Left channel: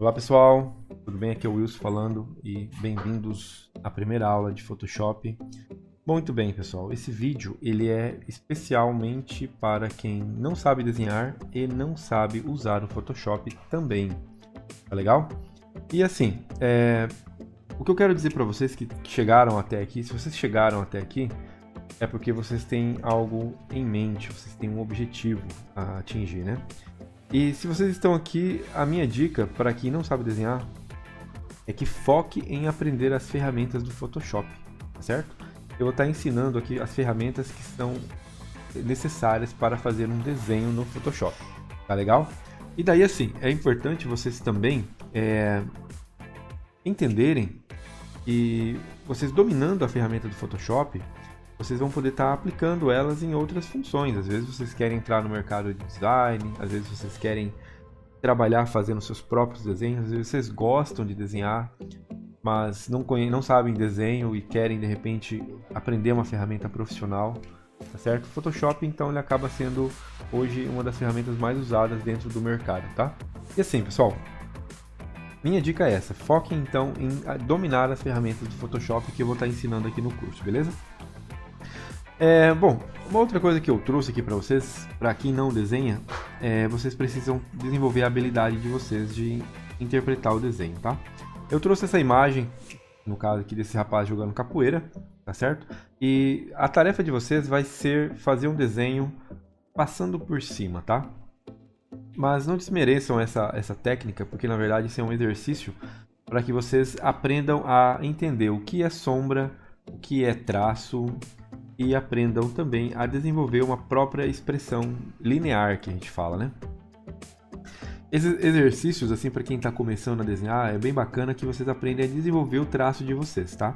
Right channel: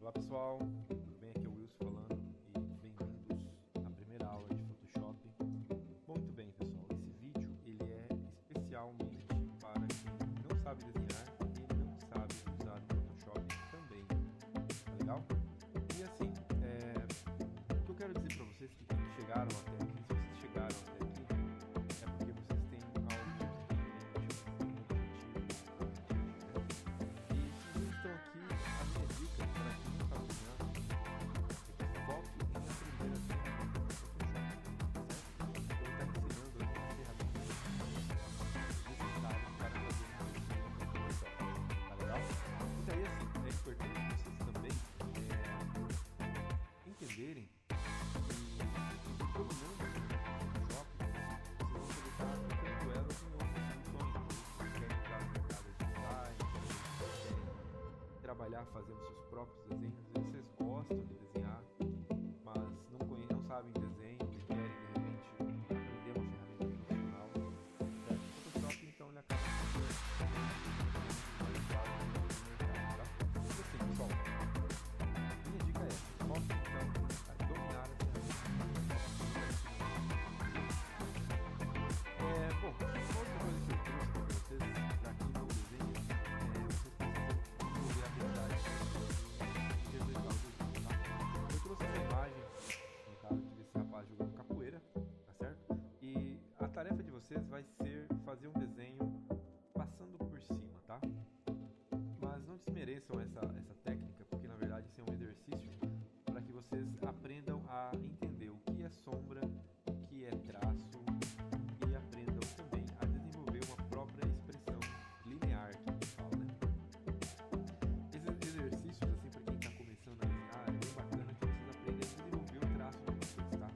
Olá pessoal, tudo bem? Aqui é o Wilson falando e bem-vindos à primeira aula de Photoshop. Muito bem pessoal, esse vídeo ele é especialmente para quem não sabe desenhar e não sabe usar o Photoshop também, tá legal? E assim, o que eu quero dizer para vocês que chegaram até aqui, se vocês chegaram até aqui, é porque vocês têm algo em mente, vocês têm um objetivo a atingir, né? E se vocês estão aqui, a minha dica para quem não sabe desenhar é que foque em aprender as ferramentas do Photoshop, certo? Eu vou estar ensinando aqui as ferramentas que são necessárias para fazer um desenho no Photoshop, tá legal? E daí assim, é importante vocês também entenderem que vocês dominando a ferramenta do Photoshop, vocês vão poder estar aplicando elas em outras funções. Às vezes vocês querem entrar no mercado de design, às vezes vocês querem trabalhar fazendo seus próprios desenhos, às vezes vocês gostam de desenhar, mas não sabem desenho e querem de repente aprender uma ferramenta profissional, tá certo? O Photoshop então ele acaba sendo hoje uma das ferramentas mais usadas dentro do mercado, tá? E assim, pessoal, minha dica é essa: foquem então em dominar as ferramentas do Photoshop que eu vou estar ensinando aqui no curso, beleza? Bom, uma outra coisa que eu trouxe aqui para vocês, para quem não desenha, vocês precisam desenvolver a habilidade de vocês de interpretar o desenho, tá? Eu trouxe essa imagem, no caso aqui desse rapaz jogando capoeira, tá certo? E a tarefa de vocês vai ser fazer um desenho passando por cima, tá? Mas não desmereçam essa técnica, porque na verdade isso é um exercício para que vocês aprendam a entender o que é sombra, o que é traço, e aprendam também a desenvolver uma própria expressão linear, que a gente fala, né? Esses exercícios, assim, para quem está começando a desenhar, é bem bacana que vocês aprendem a desenvolver o traço de vocês, tá?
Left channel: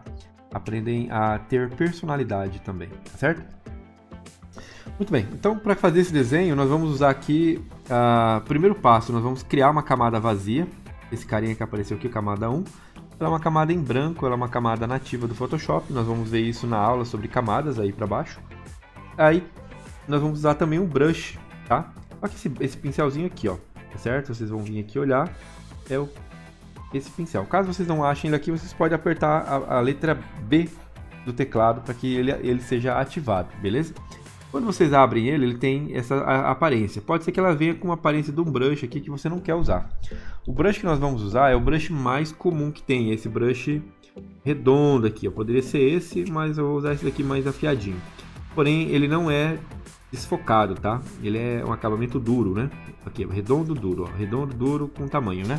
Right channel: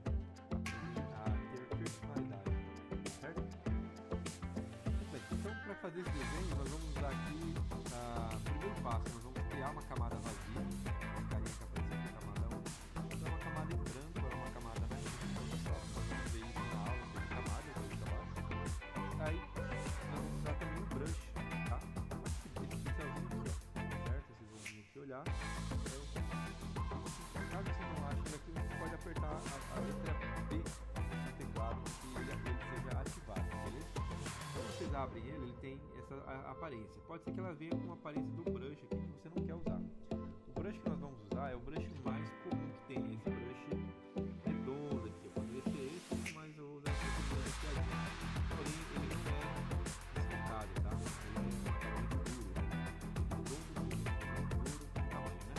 Aprendem a ter personalidade também, tá certo? Muito bem, então para fazer esse desenho, nós vamos usar aqui, primeiro passo, nós vamos criar uma camada vazia. Esse carinha que apareceu aqui, camada 1. Ela é uma camada em branco, ela é uma camada nativa do Photoshop. Nós vamos ver isso na aula sobre camadas aí para baixo. Aí nós vamos usar também um brush, tá? Olha esse pincelzinho aqui, ó, tá certo? Vocês vão vir aqui olhar, esse pincel. Caso vocês não achem ele aqui, vocês podem apertar a letra B do teclado para que ele seja ativado, beleza? Quando vocês abrem ele tem essa aparência. Pode ser que ela venha com uma aparência de um brush aqui que você não quer usar. O brush que nós vamos usar é o brush mais comum que tem, esse brush redondo aqui. Poderia ser esse, mas eu vou usar esse daqui mais afiadinho. Porém, ele não é desfocado, tá? Ele é um acabamento duro, né? Aqui, redondo, duro, ó. Redondo, duro com tamanho, né?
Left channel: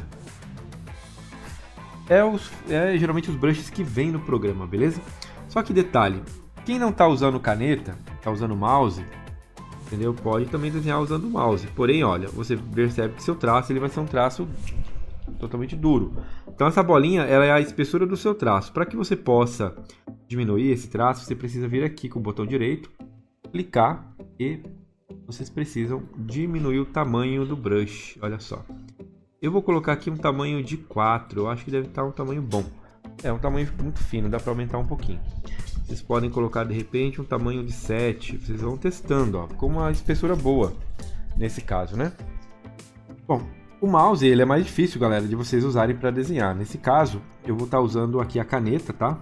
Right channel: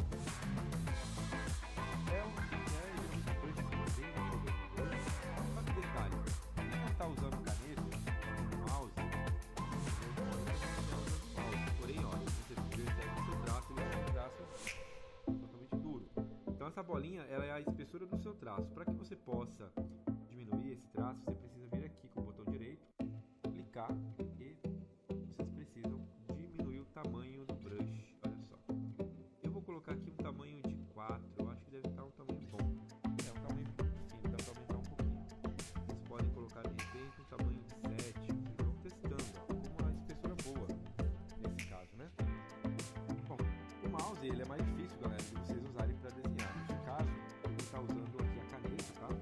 Geralmente os brushes que vêm no programa, beleza? Só que detalhe, quem não está usando caneta, está usando mouse, entendeu? Pode também desenhar usando o mouse. Porém, olha, você percebe que seu traço ele vai ser um traço totalmente duro. Então essa bolinha ela é a espessura do seu traço. Para que você possa diminuir esse traço, você precisa vir aqui com o botão direito, clicar e vocês precisam diminuir o tamanho do brush. Olha só. Eu vou colocar aqui um tamanho de 4, eu acho que deve estar um tamanho bom. É um tamanho muito fino, dá para aumentar um pouquinho. Vocês podem colocar de repente um tamanho de 7, vocês vão testando, ó, com uma espessura boa, nesse caso, né? Bom, o mouse ele é mais difícil, galera, de vocês usarem para desenhar. Nesse caso, eu vou estar usando aqui a caneta, tá?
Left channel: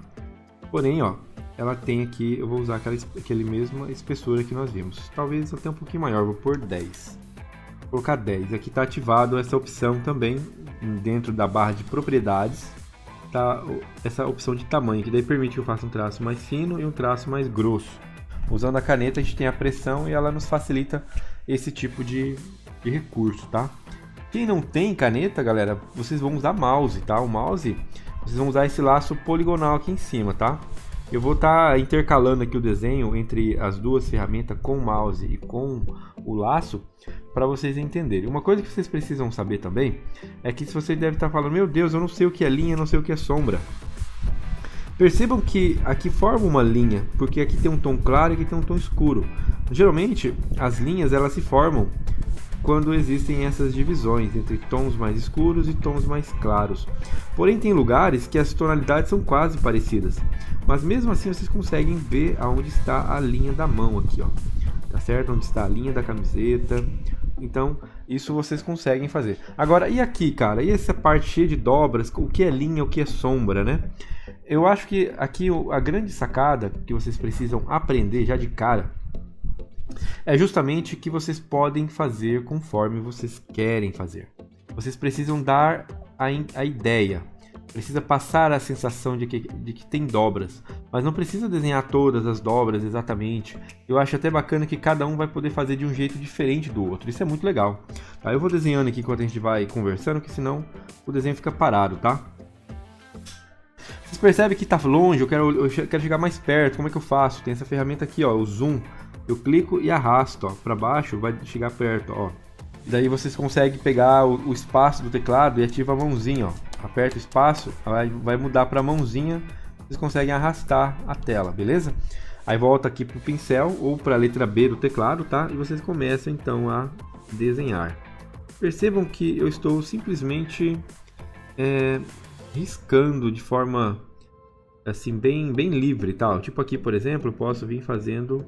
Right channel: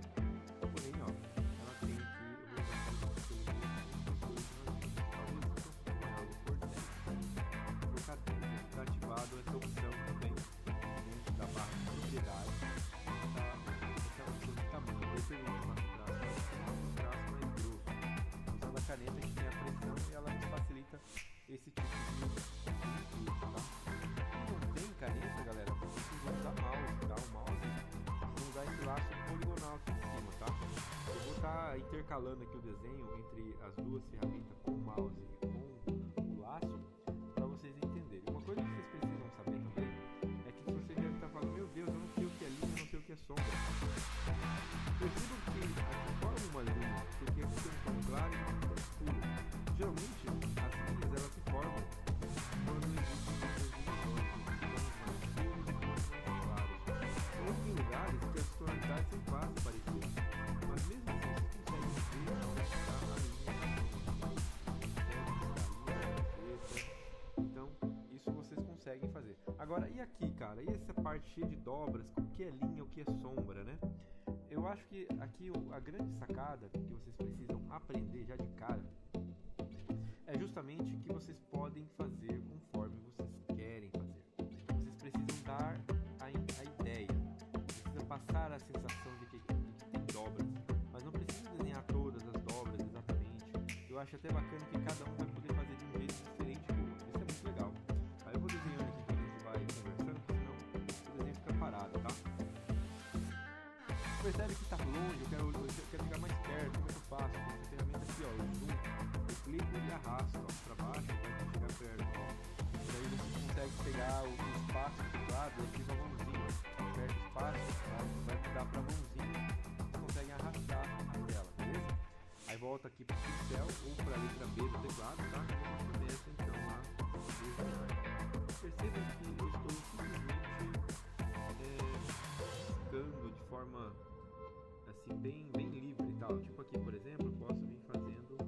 Porém, ó, ela tem aqui, eu vou usar aquele mesma espessura que nós vimos. Talvez até um pouquinho maior, vou pôr 10. Vou colocar 10. Aqui está ativado essa opção também, dentro da barra de propriedades. Tá essa opção de tamanho, que daí permite que eu faça um traço mais fino e um traço mais grosso. Usando a caneta a gente tem a pressão e ela nos facilita esse tipo de recurso, tá? Quem não tem caneta, galera, vocês vão usar mouse, tá? O mouse, vocês vão usar esse laço poligonal aqui em cima, tá? Eu vou estar intercalando aqui o desenho entre as duas ferramentas com o mouse e com o laço para vocês entenderem. Uma coisa que vocês precisam saber também é que se você deve estar falando, meu Deus, eu não sei o que é linha, não sei o que é sombra. Percebam que aqui forma uma linha, porque aqui tem um tom claro e aqui tem um tom escuro. Geralmente as linhas elas se formam quando existem essas divisões entre tons mais escuros e tons mais claros. Porém tem lugares que as tonalidades são quase parecidas, mas mesmo assim vocês conseguem ver aonde está a linha da mão aqui, ó. Tá certo? Onde está a linha da camiseta, Então, isso vocês conseguem fazer. Agora, e aqui, cara? E essa parte cheia de dobras? O que é linha, o que é sombra, né? Eu acho que aqui a grande sacada que vocês precisam aprender já de cara é justamente que vocês podem fazer conforme vocês querem fazer. Vocês precisam dar a ideia. Precisa passar a sensação de que tem dobras, mas não precisa desenhar todas as dobras exatamente. Eu acho até bacana que cada um vai poder fazer de um jeito diferente do outro. Isso é muito legal. Tá? Eu vou desenhando aqui enquanto a gente vai conversando, que senão o desenho fica parado, tá? Vocês percebem que está longe, eu quero chegar mais perto. Como é que eu faço? Tem essa ferramenta aqui, ó, o zoom. Eu clico e arrasto, ó, para baixo, vai chegar perto, ó. Daí vocês conseguem pegar o espaço do teclado e ativa a mãozinha, ó. Aperta o espaço, vai mudar para a mãozinha, vocês conseguem arrastar a tela, beleza? Aí volta aqui para o pincel ou para a letra B do teclado, tá? E vocês começam então a desenhar. Percebam que eu estou simplesmente riscando de forma assim bem livre, tal. Tipo aqui, por exemplo, eu posso vir fazendo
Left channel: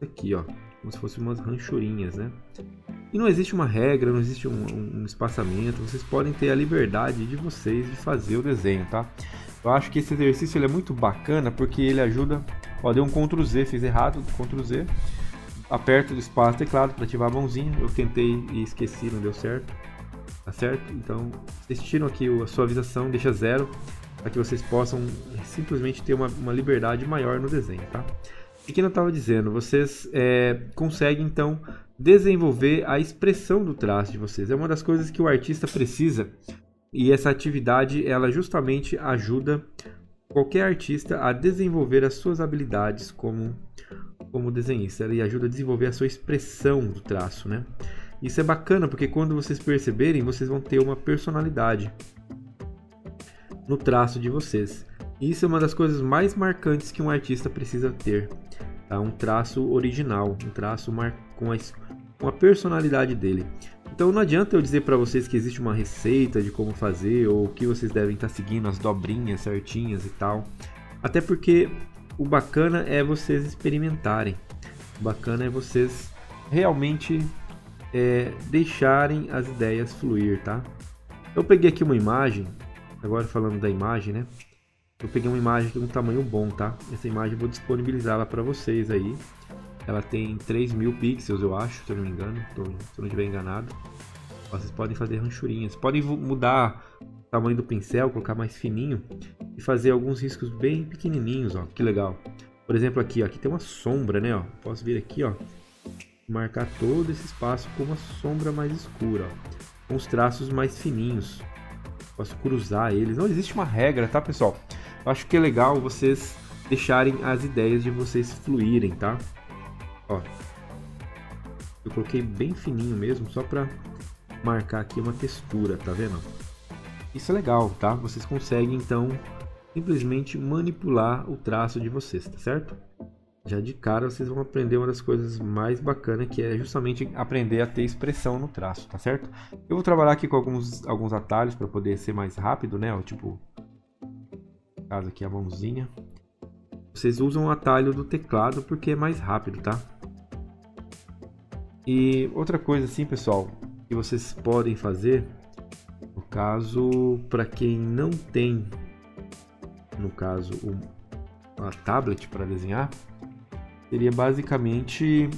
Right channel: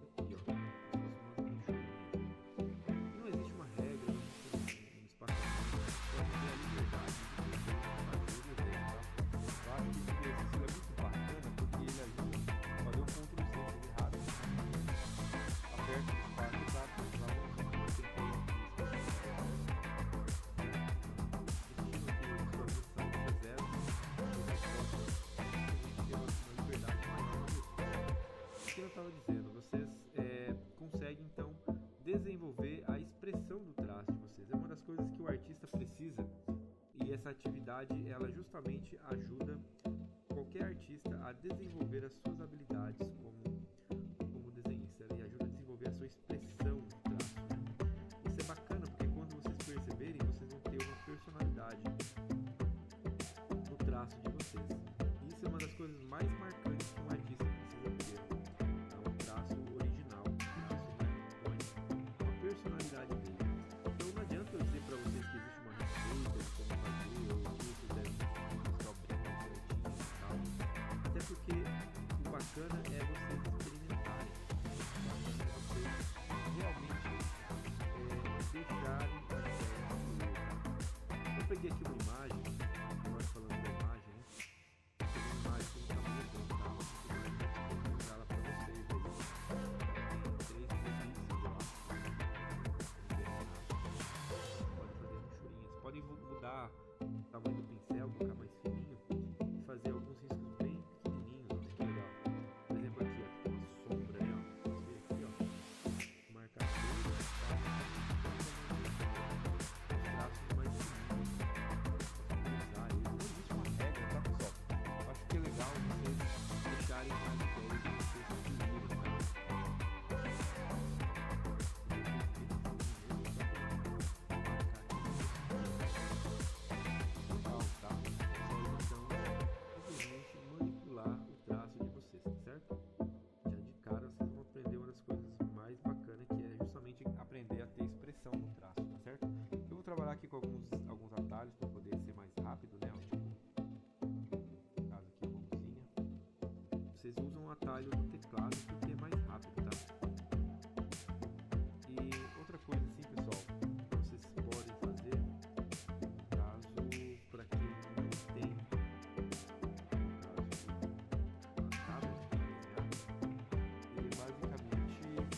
aqui, ó, como se fossem umas ranchurinhas, né? E não existe uma regra, não existe um espaçamento, vocês podem ter a liberdade de vocês de fazer o desenho, tá? Eu acho que esse exercício ele é muito bacana porque ele ajuda, ó, deu um Ctrl Z, fiz errado, Ctrl Z, aperto o espaço do teclado para ativar a mãozinha, eu tentei e esqueci, não deu certo, tá certo? Então, vocês tiram aqui a suavização, deixa 0, para que vocês possam simplesmente ter uma liberdade maior no desenho, tá? E que eu estava dizendo, vocês conseguem então desenvolver a expressão do traço de vocês. É uma das coisas que o artista precisa e essa atividade ela justamente ajuda qualquer artista a desenvolver as suas habilidades como desenhista. Ela ajuda a desenvolver a sua expressão do traço, né? Isso é bacana porque quando vocês perceberem, vocês vão ter uma personalidade no traço de vocês. Isso é uma das coisas mais marcantes que um artista precisa ter, tá? Um traço original, um traço com a personalidade dele. Então não adianta eu dizer para vocês que existe uma receita de como fazer ou que vocês devem estar seguindo as dobrinhas certinhas e tal. Até porque o bacana é vocês experimentarem. O bacana é vocês realmente deixarem as ideias fluir, tá? Eu peguei aqui uma imagem, agora falando da imagem, né? Eu peguei uma imagem de um tamanho bom, tá? Essa imagem eu vou disponibilizá-la para vocês aí. Ela tem 3.000 pixels, eu acho, se eu não me engano. Se eu não estiver enganado. Vocês podem fazer ranchurinhas. Podem mudar o tamanho do pincel, colocar mais fininho. E fazer alguns riscos bem pequenininhos, ó. Que legal. Por exemplo, aqui, ó. Aqui tem uma sombra, né, ó. Posso vir aqui, ó. Marcar todo esse espaço com uma sombra mais escura, ó. Com os traços mais fininhos. Posso cruzar eles. Não existe uma regra, tá, pessoal? Eu acho que é legal vocês deixarem as ideias de vocês fluírem, tá? Ó, eu coloquei bem fininho mesmo, só para marcar aqui uma textura, tá vendo? Isso é legal, tá? Vocês conseguem, então, simplesmente manipular o traço de vocês, tá certo? Já de cara vocês vão aprender uma das coisas mais bacanas, que é justamente aprender a ter expressão no traço, tá certo? Eu vou trabalhar aqui com alguns atalhos para poder ser mais rápido, né? Ó, tipo, no caso aqui a mãozinha. Vocês usam o atalho do teclado porque é mais rápido, tá? E outra coisa assim, pessoal, que vocês podem fazer, no caso, para quem não tem, no caso, uma tablet para desenhar, seria basicamente,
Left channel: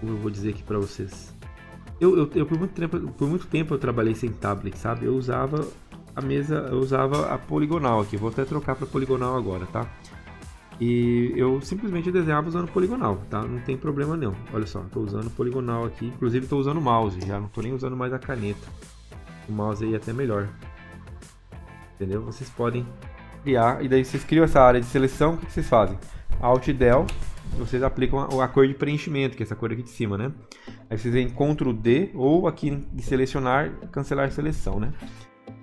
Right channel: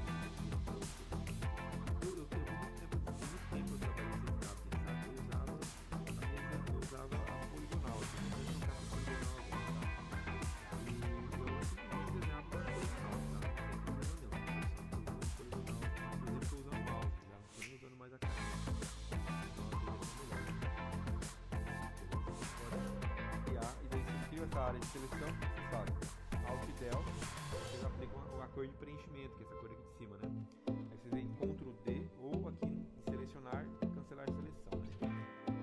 como eu vou dizer aqui para vocês, eu por muito tempo eu trabalhei sem tablet, sabe? Eu usava a poligonal aqui, vou até trocar para poligonal agora, tá? E eu simplesmente desenhava usando poligonal, tá? Não tem problema não. Olha só, estou usando poligonal aqui, inclusive estou usando o mouse, já não estou nem usando mais a caneta. O mouse aí é até melhor. Entendeu? Vocês podem criar, e daí vocês criam essa área de seleção, o que vocês fazem? Alt Del, vocês aplicam a cor de preenchimento, que é essa cor aqui de cima, né? Aí vocês vêm Ctrl D, ou aqui de selecionar, cancelar seleção, né?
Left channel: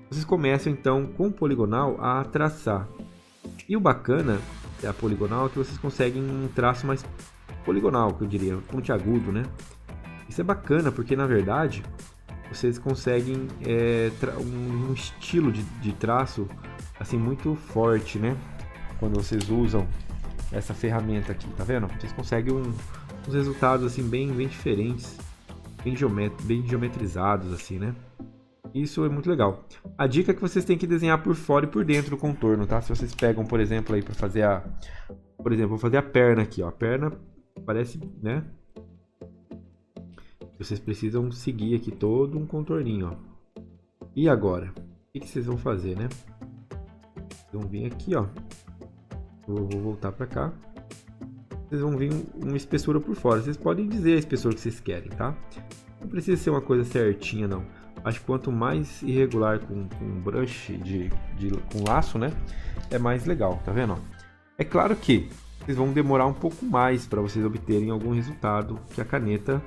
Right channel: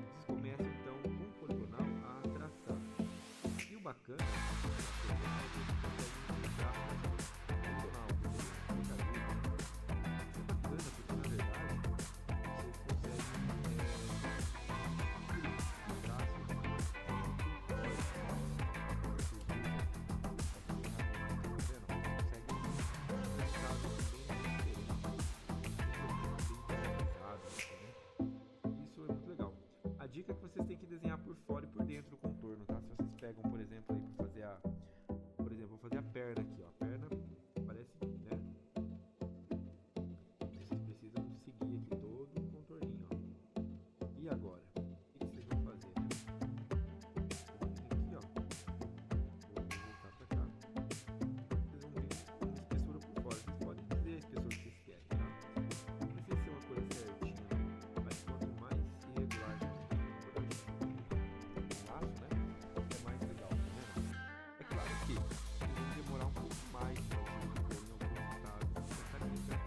Vocês começam então com o poligonal a traçar. E o bacana é a poligonal é que vocês conseguem um traço mais poligonal, que eu diria, pontiagudo, né? Isso é bacana porque na verdade vocês conseguem um estilo de traço assim muito forte, né? Quando vocês usam essa ferramenta aqui, tá vendo? Vocês conseguem uns resultados assim bem diferentes, bem geometrizados assim, né? Isso é muito legal. A dica é que vocês têm que desenhar por fora e por dentro o contorno, tá? Se vocês pegam, por exemplo, aí para fazer por exemplo, vou fazer a perna aqui, ó. A perna parece, né? Vocês precisam seguir aqui todo um contorninho, ó. E agora? O que vocês vão fazer, né? Vocês vão vir aqui, ó. Eu vou voltar para cá. Vocês vão vir uma espessura por fora. Vocês podem dizer a espessura que vocês querem, tá? Não precisa ser uma coisa certinha, não. Acho que quanto mais irregular com brush com laço, né? É mais legal, tá vendo? É claro que vocês vão demorar um pouco mais para vocês obterem algum resultado que a caneta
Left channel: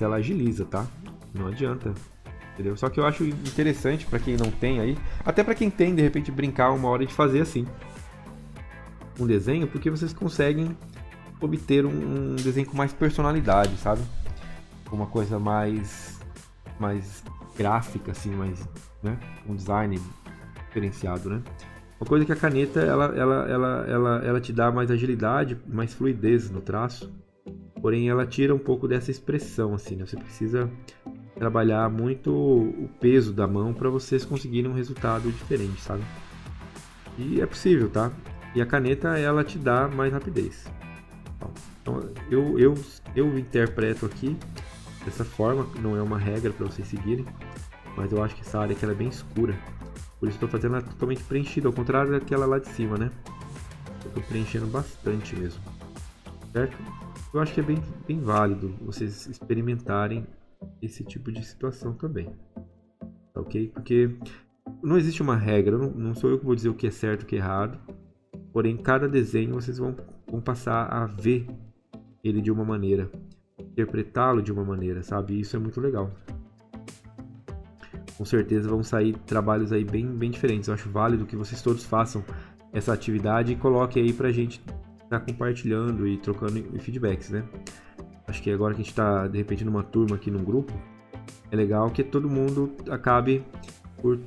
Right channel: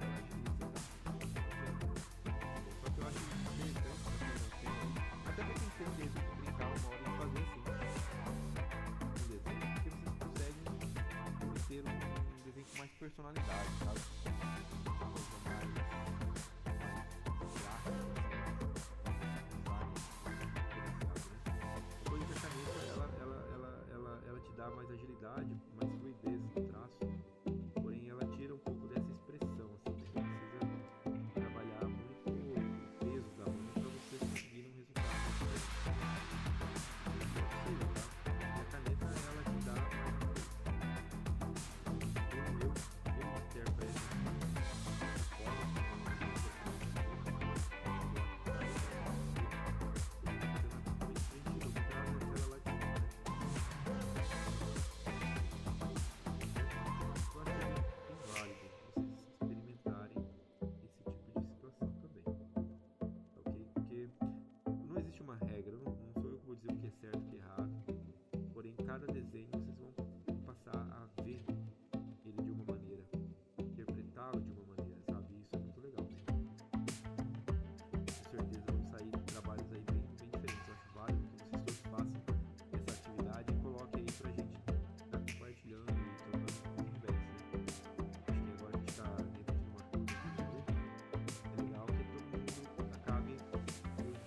ela agiliza, tá? Não adianta, entendeu? Só que eu acho interessante para quem não tem aí, até para quem tem, de repente, brincar uma hora de fazer assim um desenho, porque vocês conseguem obter um desenho com mais personalidade, sabe? Uma coisa mais gráfica, assim, mais, né? Um design diferenciado, né? Uma coisa que a caneta, ela te dá mais agilidade, mais fluidez no traço, porém ela tira um pouco dessa expressão, assim, né? Você precisa trabalhar muito o peso da mão para vocês conseguirem um resultado diferente, sabe? E é possível, tá? E a caneta, ela te dá mais rapidez. Então, eu interpreto aqui dessa forma, não é uma regra para vocês seguirem, mas eu acho que essa área aqui ela é bem escura, por isso estou fazendo ela totalmente preenchida, ao contrário daquela lá de cima, né? Estou preenchendo bastante mesmo, certo? Eu acho que é bem válido vocês experimentarem esse tipo de situação também, tá ok? Porque não existe uma regra, não sou eu que vou dizer o que é certo e o que é errado, porém cada desenho vocês vão passar a ver ele de uma maneira, interpretá-lo de uma maneira, sabe? Isso é muito legal. Com certeza vão sair trabalhos aí bem diferentes. Eu acho válido que vocês todos façam essa atividade e coloquem aí pra gente estar compartilhando e trocando feedbacks, né? Acho que agora que a gente tá, de repente, numa turma aqui, num grupo, é legal que todo mundo acabe por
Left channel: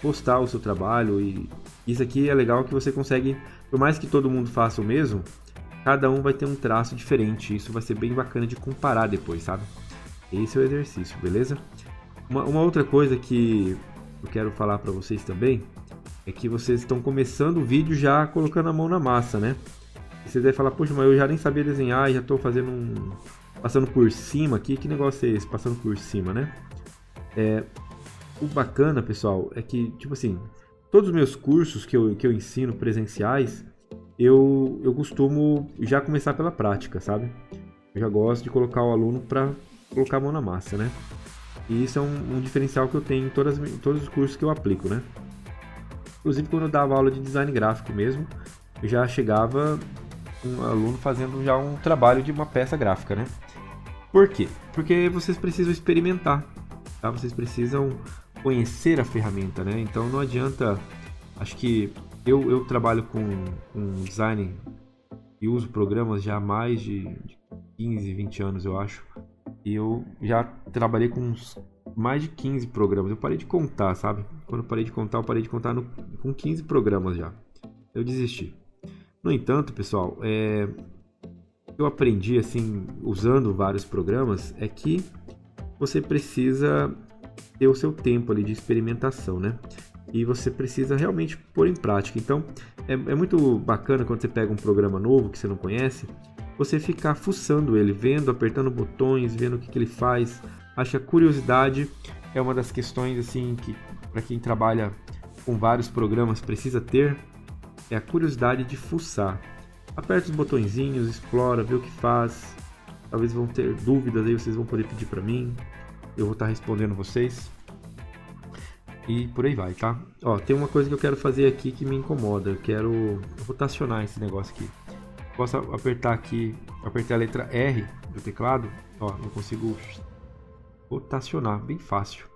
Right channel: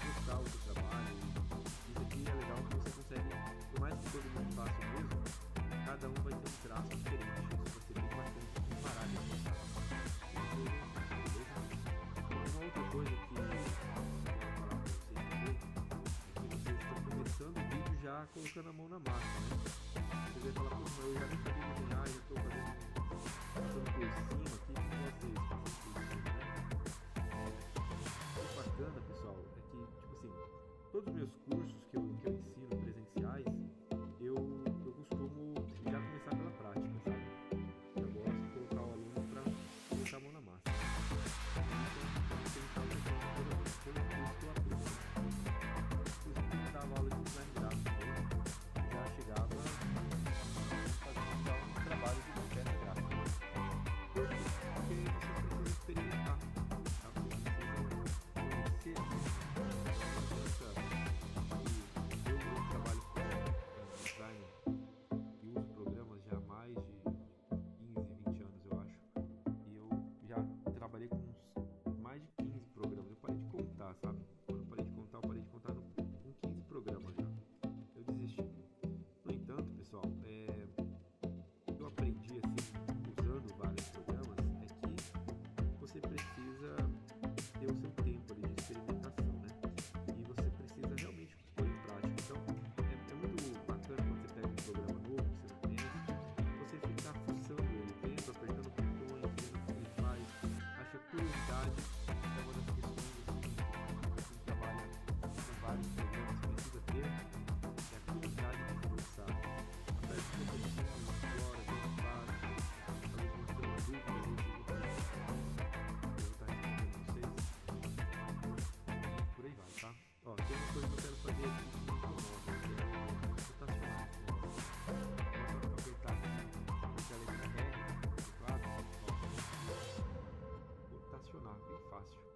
postar o seu trabalho, e isso aqui é legal que você consegue, por mais que todo mundo faça o mesmo, cada um vai ter um traço diferente. Isso vai ser bem bacana de comparar depois, sabe? Esse é o exercício, beleza? Uma outra coisa que eu quero falar para vocês também é que vocês estão começando o vídeo já colocando a mão na massa, né? Vocês devem falar, poxa, mas eu já nem sabia desenhar e já estou fazendo passando por cima aqui. Que negócio é esse? Passando por cima, né? O bacana, pessoal, é que, tipo assim, todos os meus cursos que eu ensino presenciais, eu costumo já começar pela prática, sabe? Eu já gosto de colocar o aluno para colocar a mão na massa, né? E isso é um diferencial que eu tenho em todos os cursos que eu aplico, né? Inclusive, quando eu dava aula de design gráfico mesmo, eu já chegava um aluno fazendo já um trabalho de uma peça gráfica, né? Por quê? Porque vocês precisam experimentar, tá? Vocês precisam conhecer a ferramenta, né? Então não adianta. Acho que eu trabalho com design e uso programas já há mais de 15, 20 anos, eu acho. E eu já trabalhei com mais de 15 programas. Eu parei de contar, sabe? Quando eu parei de contar, com 15 programas já. Eu desisti. No entanto, pessoal, eu aprendi, assim, usando vários programas, é que você precisa ter o seu tempo ali de experimentação, né? E você precisa realmente pôr em prática. Então, é muito bacana quando você pega um programa novo que você não conhece, você ficar fuçando ele, vendo, apertando botões, vendo o que ele faz. Acho que a curiosidade é uma das questões, assim, que para quem trabalha com vários programas precisa ter, é a curiosidade de fuçar. Aperta os botõezinhos, explora, vê o que faz. Talvez vão ter dúvidas aí, vocês vão poder pedir para mim. Eu vou estar respondendo vocês. E por aí vai, tá? Ó, tem uma coisa que eu quero fazer aqui que me incomoda. Eu quero rotacionar esse negócio aqui. Posso apertar aqui, apertar a letra R do teclado. Ó, eu consigo rotacionar, bem fácil.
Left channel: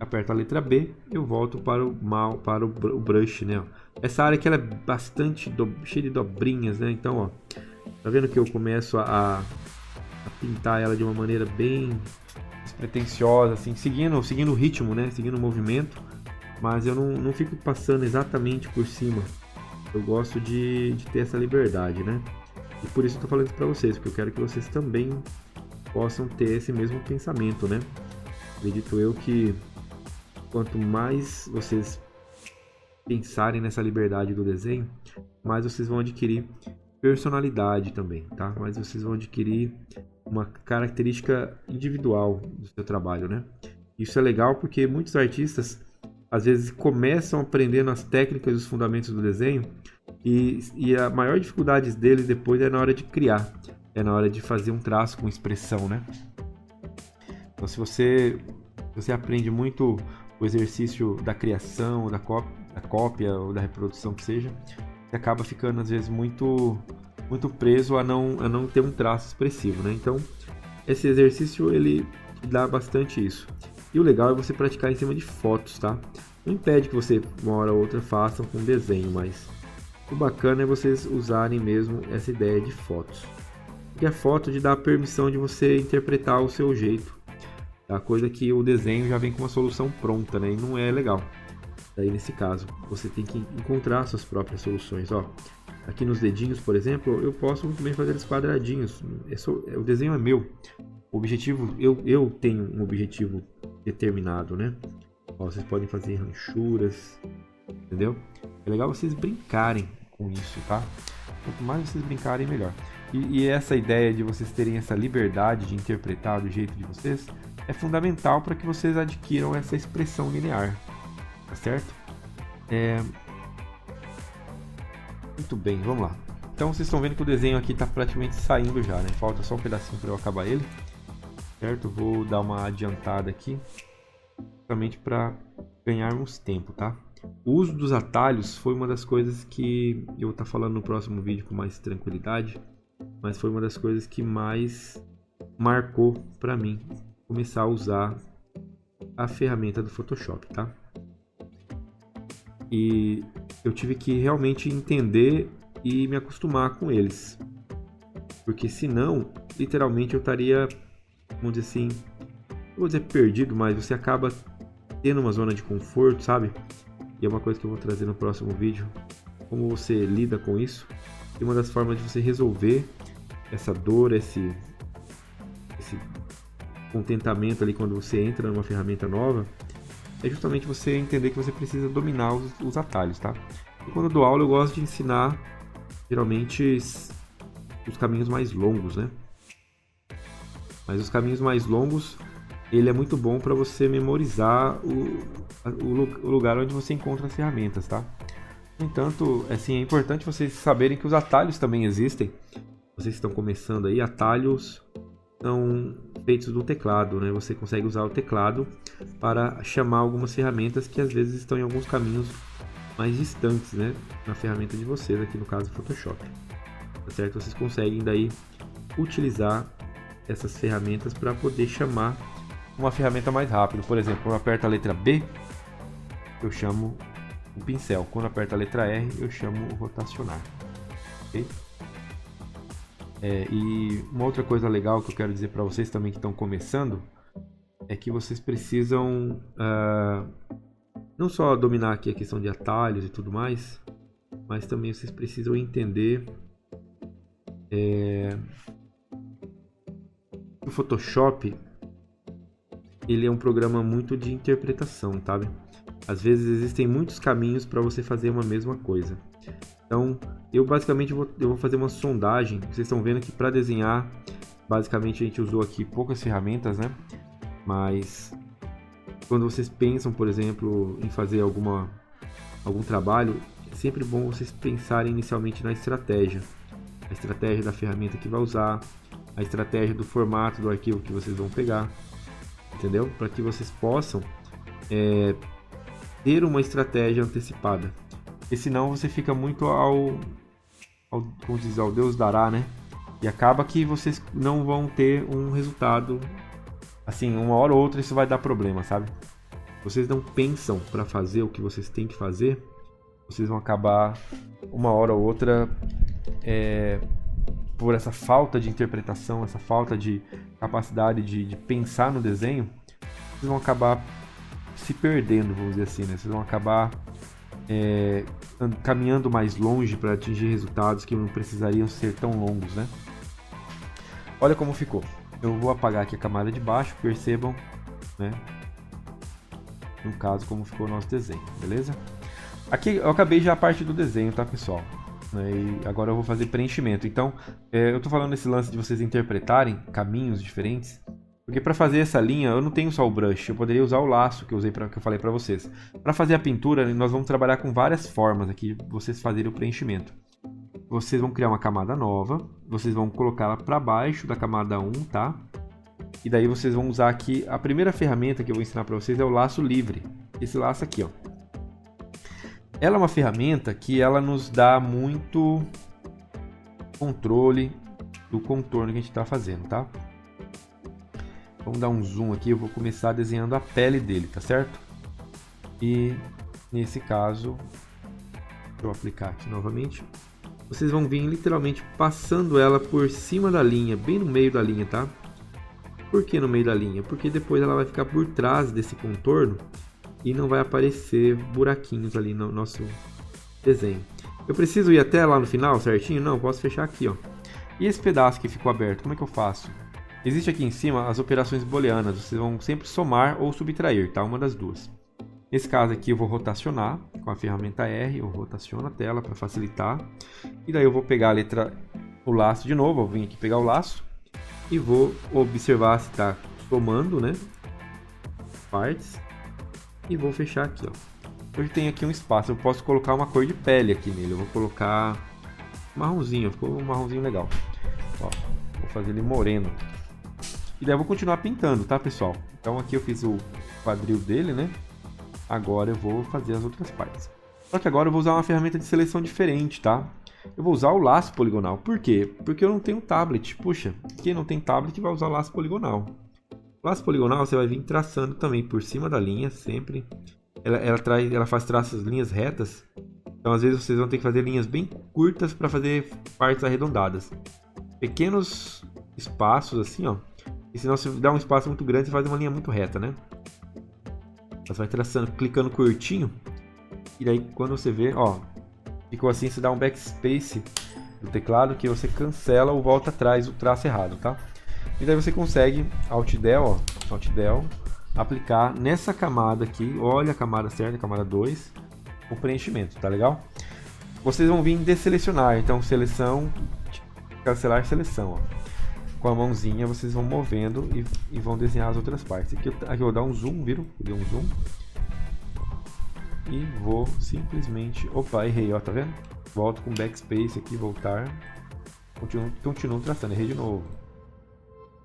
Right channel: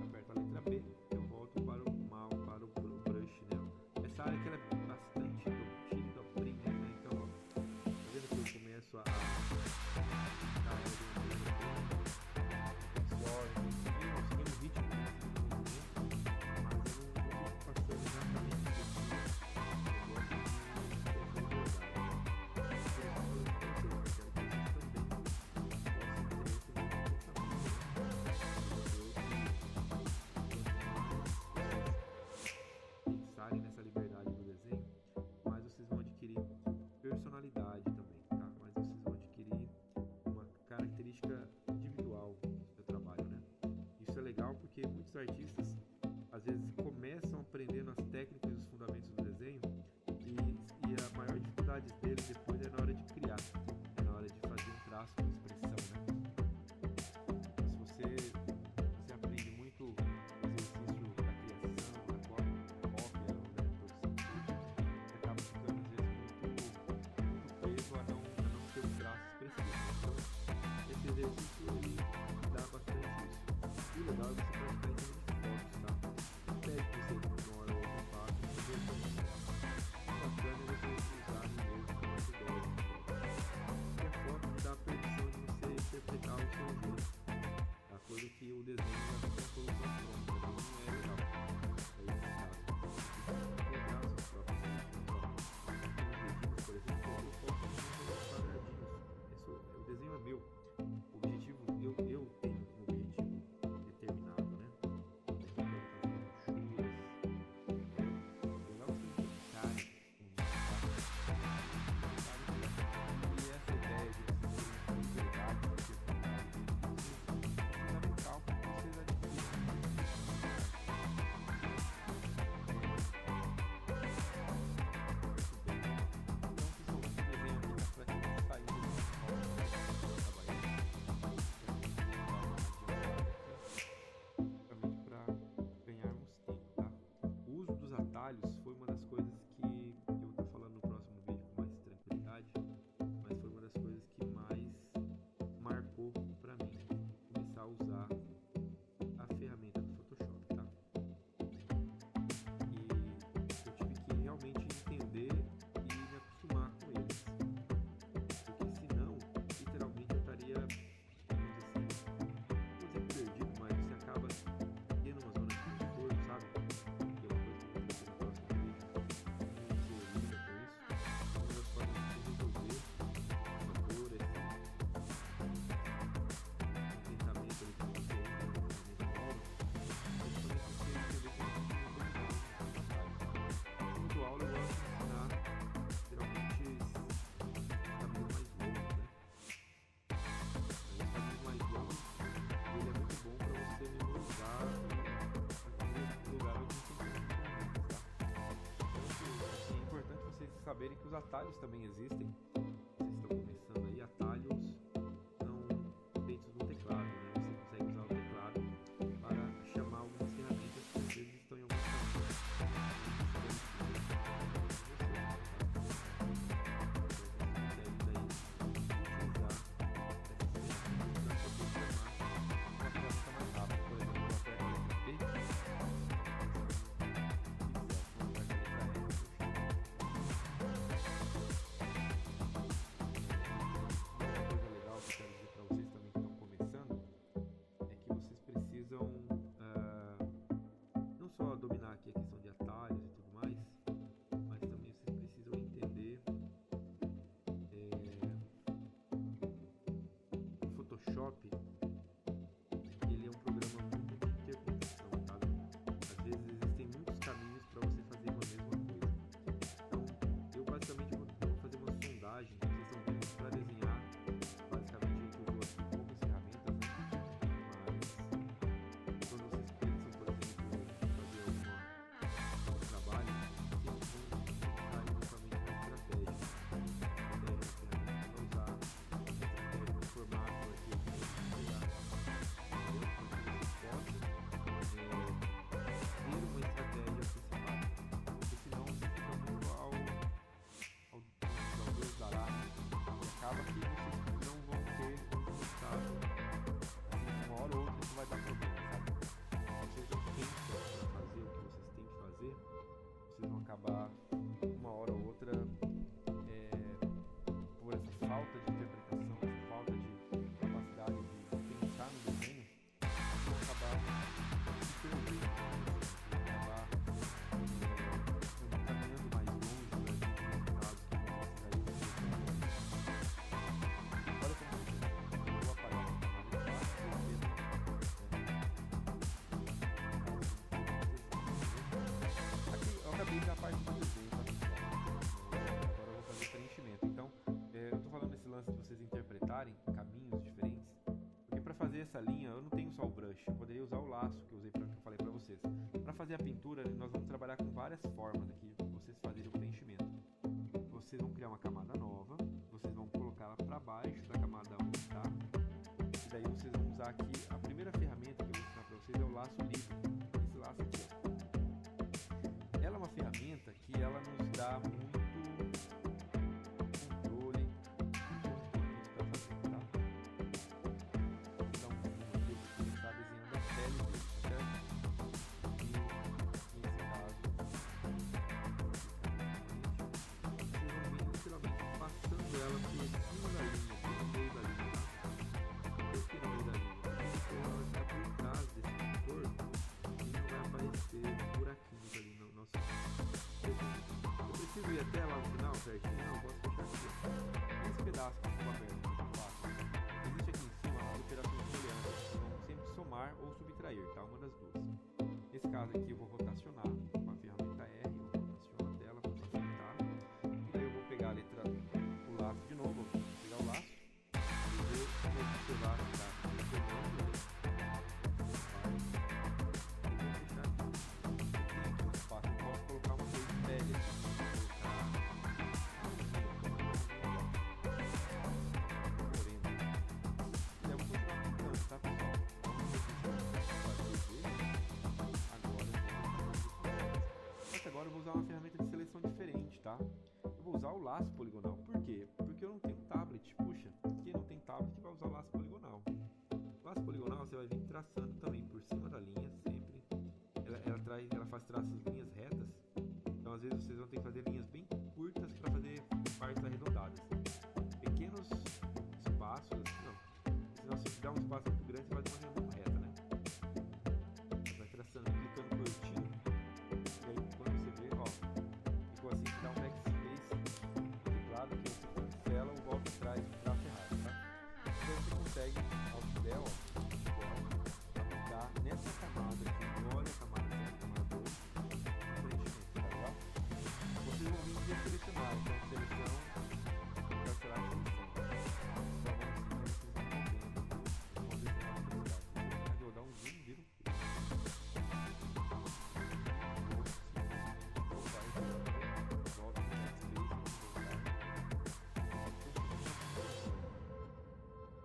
Aperto a letra B, eu volto para o brush, né? Essa área aqui ela é bastante cheia de dobrinhas, né? Então, ó, tá vendo que eu começo a pintar ela de uma maneira bem despretensiosa, assim, seguindo o ritmo, né? Seguindo o movimento, mas eu não fico passando exatamente por cima. Eu gosto de ter essa liberdade, né? E por isso eu tô falando isso para vocês, porque eu quero que vocês também possam ter esse mesmo pensamento, né? Acredito eu que quanto mais vocês pensarem nessa liberdade do desenho, mais vocês vão adquirir personalidade também, tá? Mais vocês vão adquirir uma característica individual do seu trabalho, né? Isso é legal porque muitos artistas às vezes começam aprendendo as técnicas e os fundamentos do desenho e a maior dificuldade deles depois é na hora de criar, é na hora de fazer um traço com expressão, né? Então, se você aprende muito o exercício da criação, da cópia ou da reprodução que seja, você acaba ficando às vezes muito preso a não ter um traço expressivo, né? Então, esse exercício ele dá bastante isso. E o legal é você praticar em cima de fotos, tá? Não impede que você, uma hora ou outra, façam com desenho, mas o bacana é vocês usarem mesmo essa ideia de fotos. Porque a foto te dá a permissão de você interpretar o seu jeito. A coisa que o desenho já vem com uma solução pronta, né? E não é legal. Daí, nesse caso, você tem que encontrar suas próprias soluções. Ó, aqui nos dedinhos, por exemplo, eu posso também fazer os quadradinhos. O desenho é meu. O objetivo, eu tenho um objetivo determinado, né? Ó, vocês podem fazer ranchuras, entendeu? É legal vocês brincarem com isso, tá? Quanto mais vocês brincarem, melhor. E essa ideia de vocês terem essa liberdade de interpretar do jeito de vocês é fundamental para que vocês adquiram essa expressão linear, tá certo? Muito bem, vamos lá. Então vocês estão vendo que o desenho aqui está praticamente saindo já, né? Falta só um pedacinho para eu acabar ele, certo? Vou dar uma adiantada aqui, justamente para ganharmos tempo, tá? O uso dos atalhos foi uma das coisas que eu vou estar falando no próximo vídeo com mais tranquilidade, mas foi uma das coisas que mais marcou para mim começar a usar a ferramenta do Photoshop, tá? E eu tive que realmente entender e me acostumar com eles, porque senão, literalmente, eu estaria, vamos dizer assim, não vou dizer perdido, mas você acaba tendo uma zona de conforto, sabe? E é uma coisa que eu vou trazer no próximo vídeo, como você lida com isso. E uma das formas de você resolver essa dor, esse contentamento ali quando você entra numa ferramenta nova, é justamente você entender que você precisa dominar os atalhos, tá? E quando eu dou aula, eu gosto de ensinar, geralmente, os caminhos mais longos, né? Mas os caminhos mais longos, ele é muito bom para você memorizar o lugar onde você encontra as ferramentas, tá? No entanto, assim, é importante vocês saberem que os atalhos também existem. Vocês estão começando aí, atalhos são feitos no teclado, né? Você consegue usar o teclado para chamar algumas ferramentas que às vezes estão em alguns caminhos mais distantes, né? Na ferramenta de vocês, aqui no caso Photoshop, tá certo? Vocês conseguem daí utilizar essas ferramentas para poder chamar uma ferramenta mais rápido. Por exemplo, quando eu aperto a letra B, eu chamo o pincel. Quando eu aperto a letra R, eu chamo o rotacionar. Okay? E uma outra coisa legal que eu quero dizer para vocês também que estão começando é que vocês precisam não só dominar aqui a questão de atalhos e tudo mais, mas também vocês precisam entender o Photoshop, ele é um programa muito de interpretação, sabe? Às vezes existem muitos caminhos para você fazer uma mesma coisa. Então, eu basicamente vou fazer uma sondagem. Vocês estão vendo que para desenhar, basicamente a gente usou aqui poucas ferramentas, né? Mas quando vocês pensam, por exemplo, em fazer algum trabalho, é sempre bom vocês pensarem inicialmente na estratégia. A estratégia da ferramenta que vai usar, a estratégia do formato do arquivo que vocês vão pegar, entendeu? Para que vocês possam ter uma estratégia antecipada. Porque senão você fica muito ao Deus dará, né? E acaba que vocês não vão ter um resultado, assim, uma hora ou outra isso vai dar problema, sabe? Vocês não pensam para fazer o que vocês têm que fazer, vocês vão acabar uma hora ou outra por essa falta de interpretação, essa falta de capacidade de pensar no desenho, vocês vão acabar se perdendo, vamos dizer assim, né? Vocês vão acabar caminhando mais longe para atingir resultados que não precisariam ser tão longos, né? Olha como ficou. Eu vou apagar aqui a camada de baixo, percebam, né? No caso, como ficou o nosso desenho, beleza? Aqui eu acabei já a parte do desenho, tá, pessoal? E agora eu vou fazer preenchimento. Então, eu tô falando esse lance de vocês interpretarem caminhos diferentes, porque para fazer essa linha eu não tenho só o brush, eu poderia usar o laço que eu falei para vocês. Para fazer a pintura, nós vamos trabalhar com várias formas aqui, vocês fazerem o preenchimento. Vocês vão criar uma camada nova, vocês vão colocá-la para baixo da camada 1, tá? E daí vocês vão usar aqui, a primeira ferramenta que eu vou ensinar para vocês é o laço livre. Esse laço aqui, ó. Ela é uma ferramenta que ela nos dá muito controle do contorno que a gente está fazendo, tá? Vamos dar um zoom aqui, eu vou começar desenhando a pele dele, tá certo? E nesse caso, deixa eu aplicar aqui novamente. Vocês vão vir literalmente passando ela por cima da linha, bem no meio da linha, tá? Por que no meio da linha? Porque depois ela vai ficar por trás desse contorno e não vai aparecer buraquinhos ali no nosso desenho. Eu preciso ir até lá no final certinho? Não, posso fechar aqui, ó. E esse pedaço que ficou aberto, como é que eu faço? Existe aqui em cima as operações booleanas, vocês vão sempre somar ou subtrair, tá? Uma das duas. Nesse caso aqui eu vou rotacionar com a ferramenta R, eu rotaciono a tela para facilitar. E daí eu vou pegar o laço de novo, eu vim aqui pegar o laço e vou observar se está somando, né? Partes. E vou fechar aqui, ó. Hoje tem aqui um espaço, eu posso colocar uma cor de pele aqui nele. Eu vou colocar marronzinho, ficou um marronzinho legal. Ó, vou fazer ele moreno. E daí eu vou continuar pintando, tá, pessoal? Então aqui eu fiz o quadril dele, né? Agora eu vou fazer as outras partes. Só que agora eu vou usar uma ferramenta de seleção diferente, tá? Eu vou usar o laço poligonal. Por quê? Porque eu não tenho tablet. Puxa, quem não tem tablet vai usar o laço poligonal. O laço poligonal você vai vir traçando também por cima da linha, sempre. Ela faz traços, linhas retas. Então às vezes vocês vão ter que fazer linhas bem curtas para fazer partes arredondadas. Pequenos espaços assim, ó. E senão se dá um espaço muito grande, você faz uma linha muito reta, né? Você vai traçando, clicando curtinho. E daí quando você vê, ó, ficou assim, você dá um backspace no teclado que você cancela ou volta atrás o traço errado, tá? E daí você consegue, Alt Del, ó, Alt Del, aplicar nessa camada aqui, olha a camada certa, a camada 2, o preenchimento, tá legal? Vocês vão vir desselecionar, então seleção, cancelar seleção, ó. Com a mãozinha vocês vão movendo e vão desenhar as outras partes. Aqui eu vou dar um zoom, viram? Dei um zoom. E vou simplesmente... Opa, errei, ó, tá vendo? Volto com backspace aqui, voltar. Continuo traçando, errei de novo.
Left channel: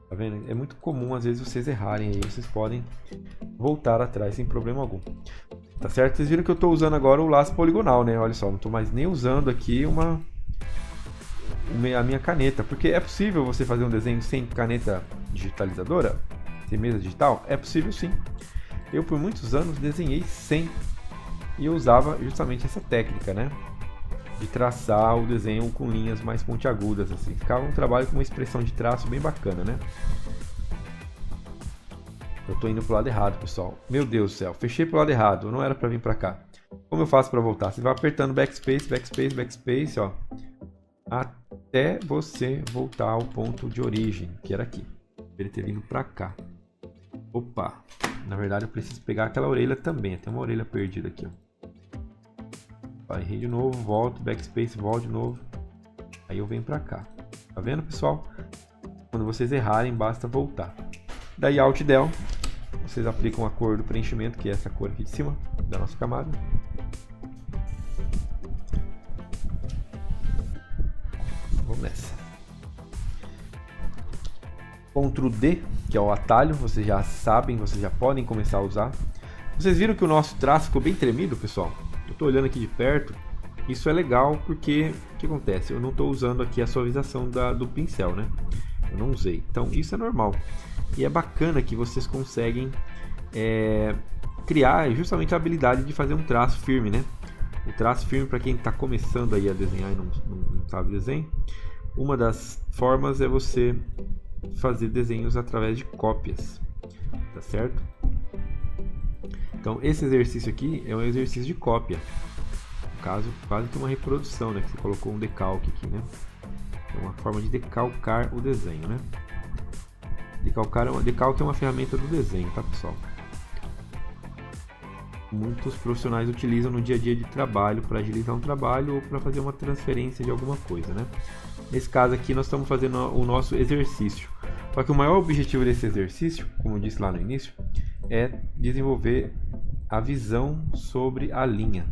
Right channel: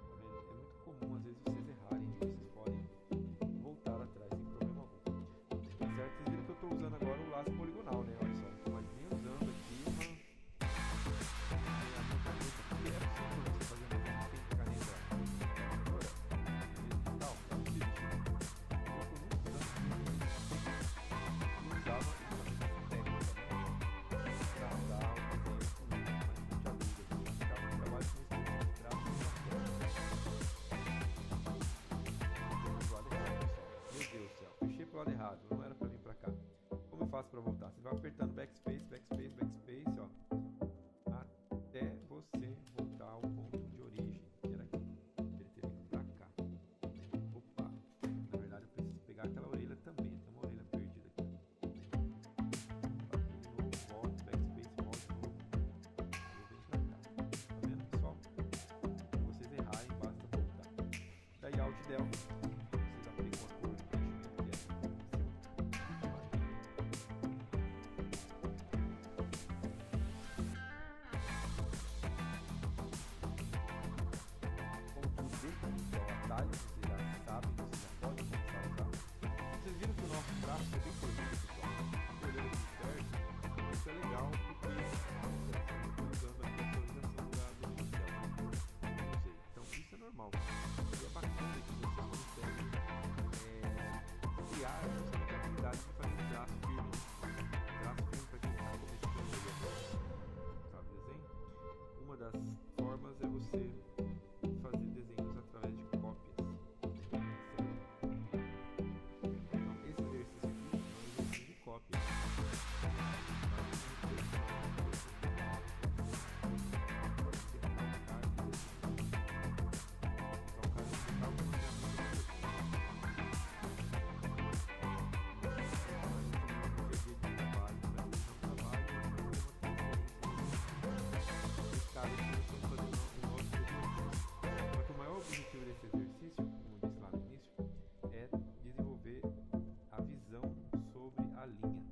Tá vendo? É muito comum às vezes vocês errarem aí, vocês podem voltar atrás sem problema algum. Tá certo? Vocês viram que eu estou usando agora o laço poligonal, né? Olha só, não estou mais nem usando aqui a minha caneta, porque é possível você fazer um desenho sem caneta digitalizadora, sem mesa digital? É possível sim. Eu por muitos anos desenhei sem, e eu usava justamente essa técnica, né? De traçar o desenho com linhas mais pontiagudas, assim. Ficava um trabalho com uma expressão de traço bem bacana, né? Eu tô indo pro lado errado, pessoal. Meu Deus do céu, fechei pro lado errado, não era pra vir pra cá. Como eu faço pra voltar? Você vai apertando backspace, backspace, backspace, ó. Até você voltar ao ponto de origem, que era aqui. Ele ter vindo pra cá. Opa, na verdade eu preciso pegar aquela orelha também. Tem uma orelha perdida aqui, ó. Errei de novo, volto, backspace, volto de novo. Aí eu venho pra cá. Tá vendo, pessoal? Quando vocês errarem, basta voltar. Daí Alt Del, vocês aplicam a cor do preenchimento, que é essa cor aqui de cima da nossa camada. Vamos nessa. Ctrl D, que é o atalho, vocês já sabem, vocês já podem começar a usar. Vocês viram que o nosso traço ficou bem tremido, pessoal? Estou olhando aqui de perto, isso é legal porque o que acontece? Eu não estou usando aqui a suavização do pincel, né? Eu não usei, então isso é normal. E é bacana que vocês conseguem criar justamente a habilidade de fazer um traço firme, né? O traço firme, para quem está começando aí a desenhar e não sabe desenho, uma das formas é você fazer desenhos através de cópias, tá certo? Então esse exercício aqui é um exercício de cópia. caso, quase que uma reprodução, né? Que você colocou um decalque aqui, né? É uma forma de decalcar o desenho, né? Decalque é uma ferramenta do desenho, tá, pessoal? Muitos profissionais utilizam no dia a dia de trabalho para agilizar um trabalho ou para fazer uma transferência de alguma coisa, né? Nesse caso aqui nós estamos fazendo o nosso exercício. Só que o maior objetivo desse exercício, como eu disse lá no início, é desenvolver a visão sobre a linha,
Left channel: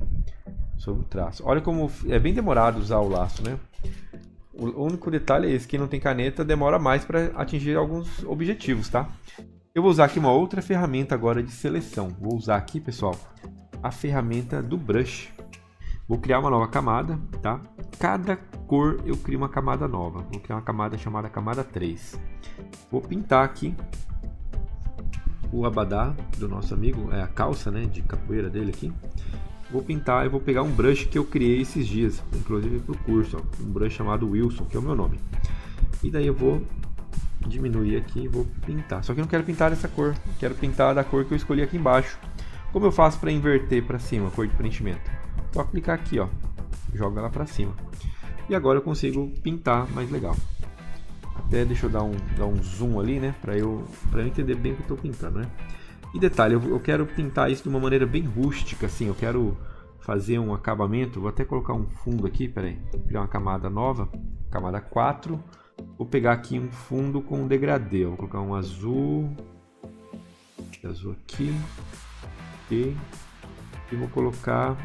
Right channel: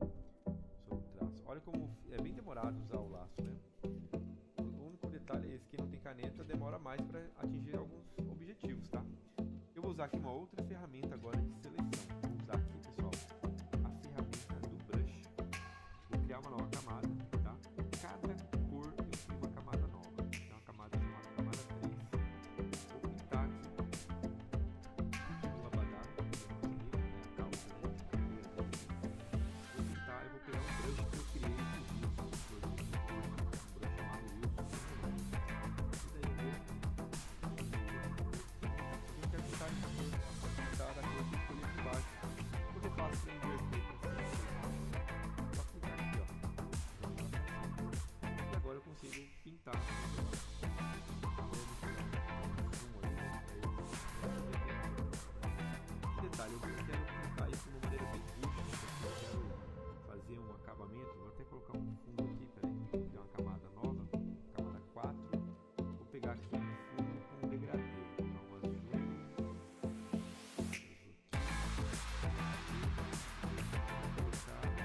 sobre o traço. Olha como é bem demorado usar o laço, né? O único detalhe é esse, quem não tem caneta demora mais para atingir alguns objetivos, tá? Eu vou usar aqui uma outra ferramenta agora de seleção. Vou usar aqui, pessoal, a ferramenta do brush. Vou criar uma nova camada, tá? Cada cor eu crio uma camada nova. Vou criar uma camada chamada camada 3. Vou pintar aqui o abadá do nosso amigo, é a calça, né, de capoeira dele aqui. Vou pintar, eu vou pegar um brush que eu criei esses dias, inclusive para o curso, ó, um brush chamado Wilson, que é o meu nome. E daí eu vou diminuir aqui e vou pintar. Só que eu não quero pintar dessa cor, quero pintar da cor que eu escolhi aqui embaixo. Como eu faço para inverter para cima a cor de preenchimento? Só clicar aqui, ó, joga ela para cima. E agora eu consigo pintar mais legal. Até deixa eu dar um zoom ali, né, para eu entender bem o que eu estou pintando, né? E detalhe, eu quero pintar isso de uma maneira bem rústica, assim, eu quero fazer um acabamento, vou até colocar um fundo aqui, peraí, vou criar uma camada nova, camada 4, vou pegar aqui um fundo com um degradê, vou colocar um azul aqui, e vou colocar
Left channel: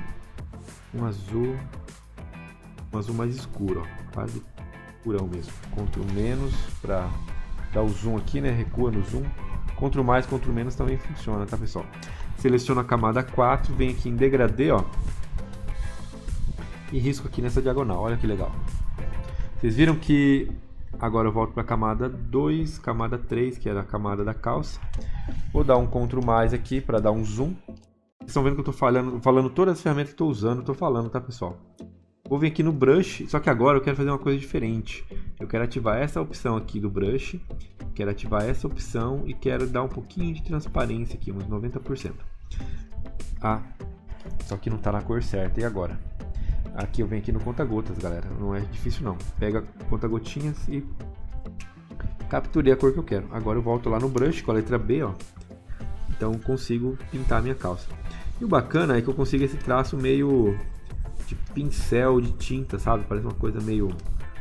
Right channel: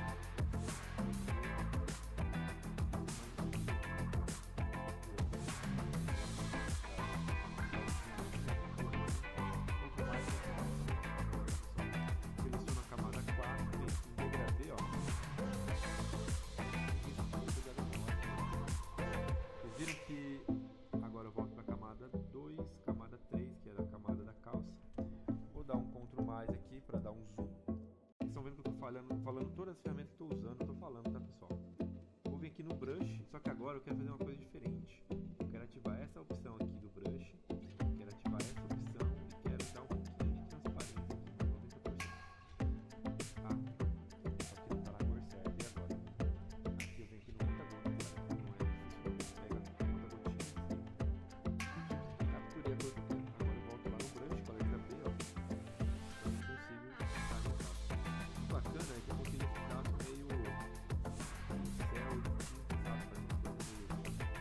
um azul mais escuro, ó, quase escurão mesmo, Ctrl menos para dar o zoom aqui, né, recua no zoom. Ctrl mais, Ctrl menos também funciona, tá, pessoal? Seleciono a camada 4, venho aqui em degradê, ó, e risco aqui nessa diagonal, olha que legal. Vocês viram que agora eu volto para a camada 2, camada 3, que era a camada da calça. Vou dar um Ctrl mais aqui para dar um zoom. Vocês estão vendo que eu estou falando todas as ferramentas que estou usando, estou falando, tá, pessoal? Vou vir aqui no brush, só que agora eu quero fazer uma coisa diferente. Eu quero ativar essa opção aqui do brush, quero ativar essa opção e quero dar um pouquinho de transparência aqui, uns 90%. Ah, só que não está na cor certa. E agora? Aqui eu venho aqui no conta-gotas, galera. Não é difícil não. Pega conta-gotinhas e capturei a cor que eu quero. Agora eu volto lá no brush com a letra B, ó. Então eu consigo pintar a minha calça. E o bacana é que eu consigo esse traço meio de pincel de tinta, sabe? Parece uma coisa meio...